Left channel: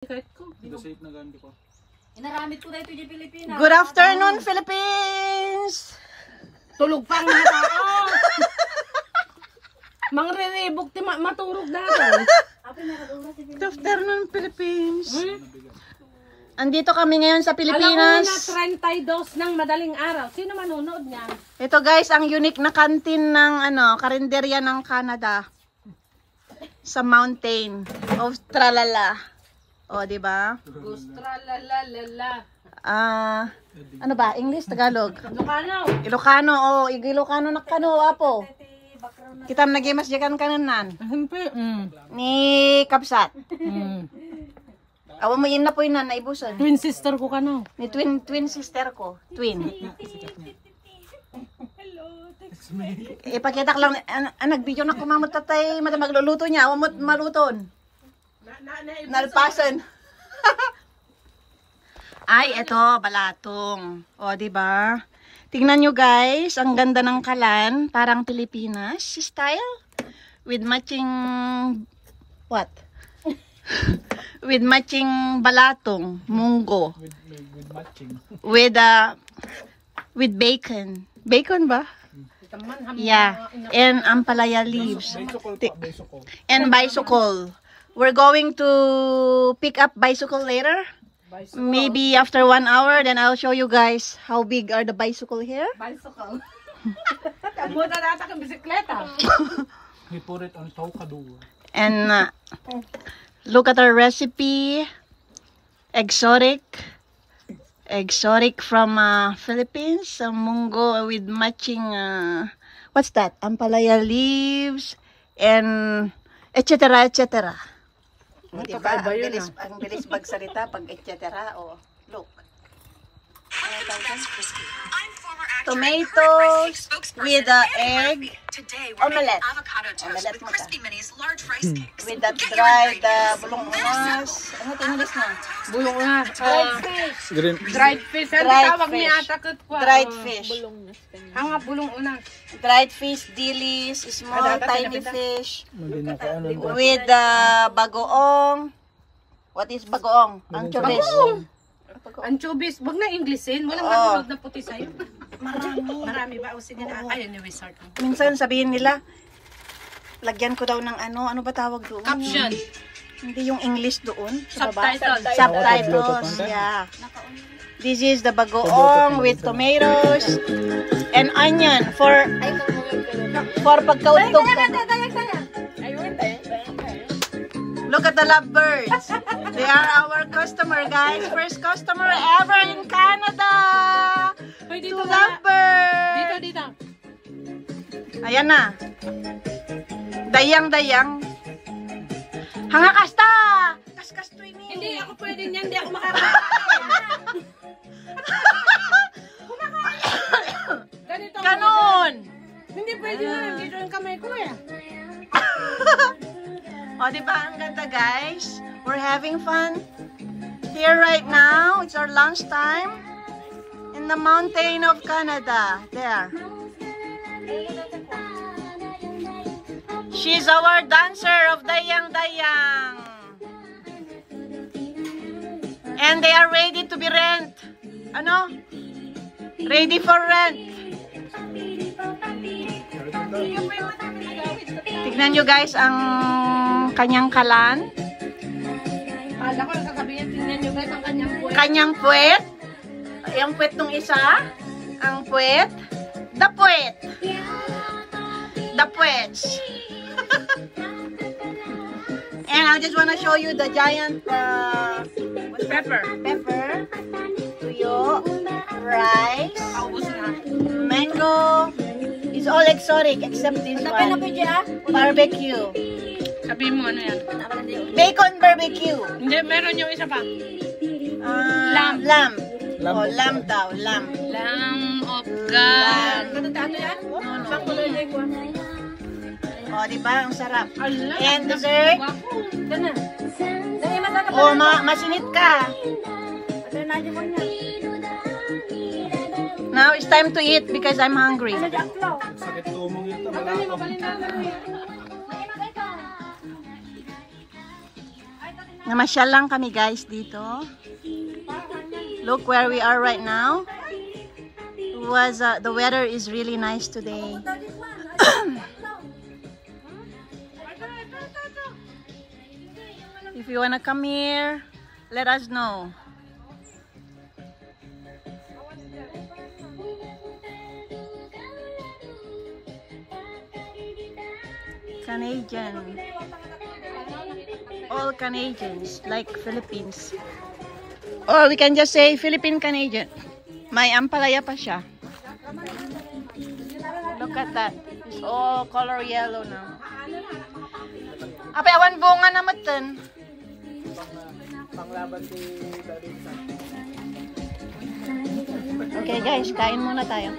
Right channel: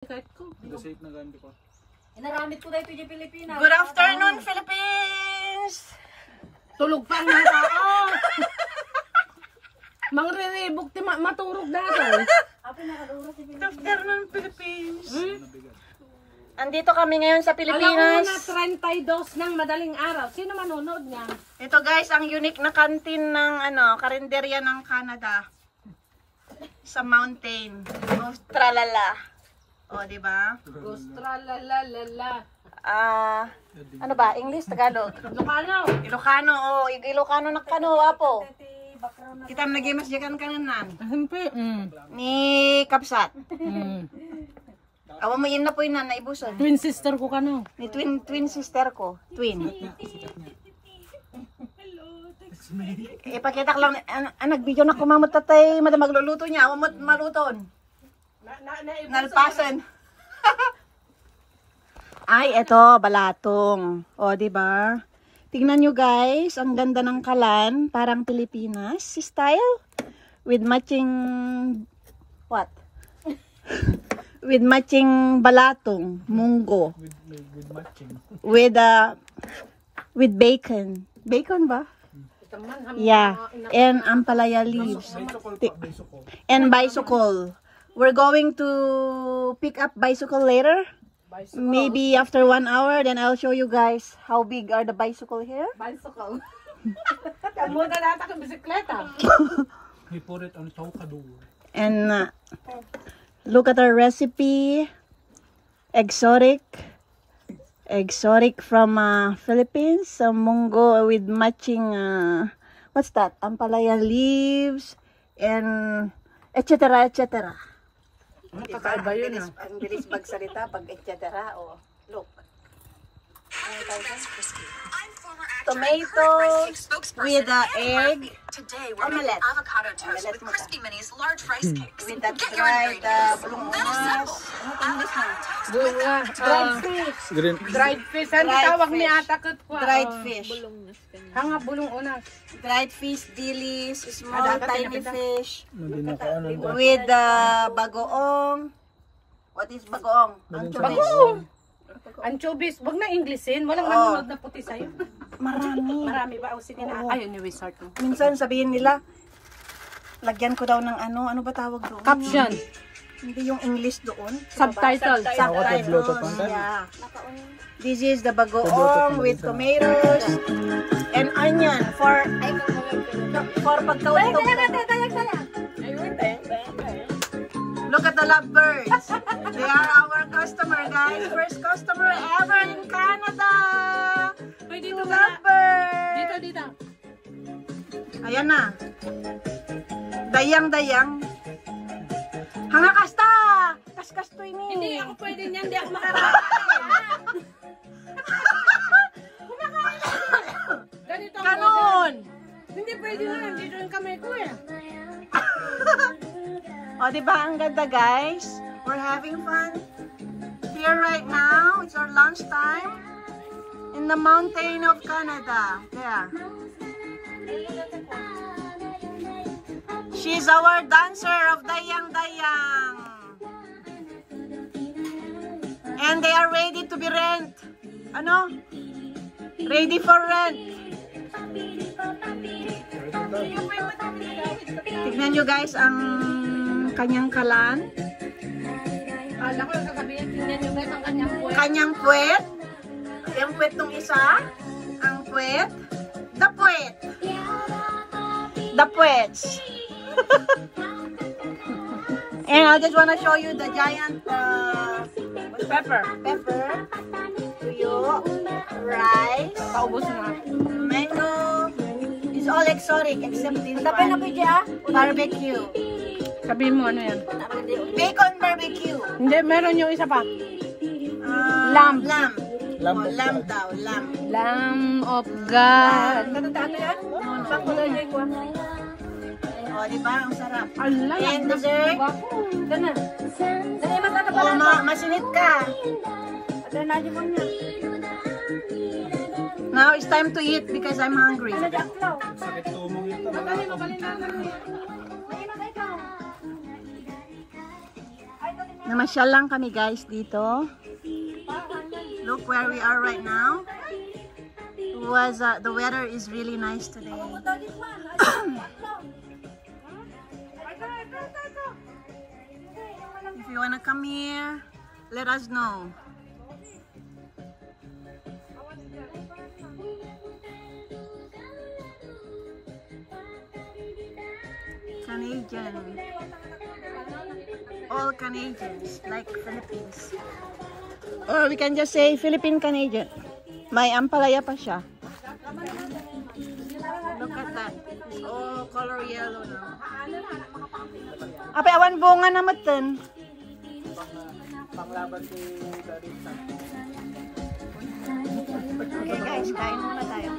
Good afternoon, Philippines! Tulog pa ang mga tao. Mangriribok ti maturog dato. Good afternoon, Philippines! Andito kami ngayon sa Pilipinas. Alam mo na 32 ng madaling araw. Sino manonood niya? Ito guys, ang unique na kantin ng karinderya ng Canada. Sa mountain. Australala. O, di ba? Australala. Ano ba? English, Tagalog? Ilocano. Ilocano, o. Ilocano na kano, apo. Kita nagimas jakan kananan. Himpe. Ni Kapsat. Awa mo yun na po yun na naibusan. Twin sister ko kano. Ni twin sister ko. Twin. Ipakita ko lang, nag-video na kumamot tatay, magluluto niya, awamot maluton. Nalpasan. Ay, eto, balatong. O, diba? Tingnan nyo guys, ang ganda ng kalan, parang Pilipinas style. With matching, what? With matching balatong, munggo. With bacon. Bacon ba? Yeah, and ampalaya leaves. And bicycle. We're going to pick up bicycle later. Maybe after 1 hour, then I'll show you guys how big are the bicycle here. Bicycle. Kamuda data kang bisikleta. We put it on Tokado. And look at our recipe. Exotic from Philippines. Munggo with matching what's that? Ampalaya leaves and etc. etc. Diba? Ang bilis magsalita pag etc. Oh, look. Tomatoes with egg. Today we're making avocado toast with crispy minis, large rice cakes. With the dried bulungas. Ano English na? Dried fish. Dried fish. Dried fish. Hanga bulong unas. Dried fish, dilis, small tiny fish. With bagoong. What is bagoong? Anchovies. Anchovies. Wag na Englishin. Walang nanonood na puti sa'yo. Marami ba? O sige na. Ayun yung resort mo. Minsan sabihin nila, lagyan ko daw ng ano ba tawag doon? Caption. Hindi yung English doon. Subtitles. Subtitles. Yeah. This is the bagoong with tomatoes and onion for pagkautog. Look at the lovebirds. They are our customer, guys. First customer ever in Canada. Dito Lovebirds. Dito. Ayan na. Dayang. Hanga kasta. Kas-kasto ini. Hindi ako pwede niyan. Hindi ako makarating. Ganito. Ganon. Hindi pwede na. Dito yung kamay ko eh. O, diba ang ganda, guys? We're having fun here right now. It's our lunch time in the mountain of Canada. There. She's our dancer of Dayang. And they are ready to be rent. Ano? Ready for rent. Tignan nyo guys ang kanyang kalan. Kala ko sasabihin, tingnan nyo guys ang kanyang puwet. Kanyang puwet. Yung puwet nung isa. Ang puwet. The puwet. The puwets. And I just wanna show you the giant pepper. Tuyo. Rice. Paubos na. Mango. It's all exotic except this one. Barbecue. Sabihin mo ano yan? Bacon barbecue. Hindi, meron yung isa pa. Lamb. Oh, lamb daw. Lamb. Lamb of God. Ano yan? Oh, diba? Ang sarap. Ala, And dessert. Ganun. Oh, masinit ka. Now it's time to eat because I'm hungry. Sakit tumong ito. Namasyal lang kami guys dito. Look where we are right now. The weather is really nice today. If you wanna come here, let us know. Canadian. All Canadians, like Philippines. Or we can just say Philippine Canadian. May ampalaya pa siya. Look at that. It's all color yellow now. Apay awan bunga na matan. Okay guys, kain muna tayo.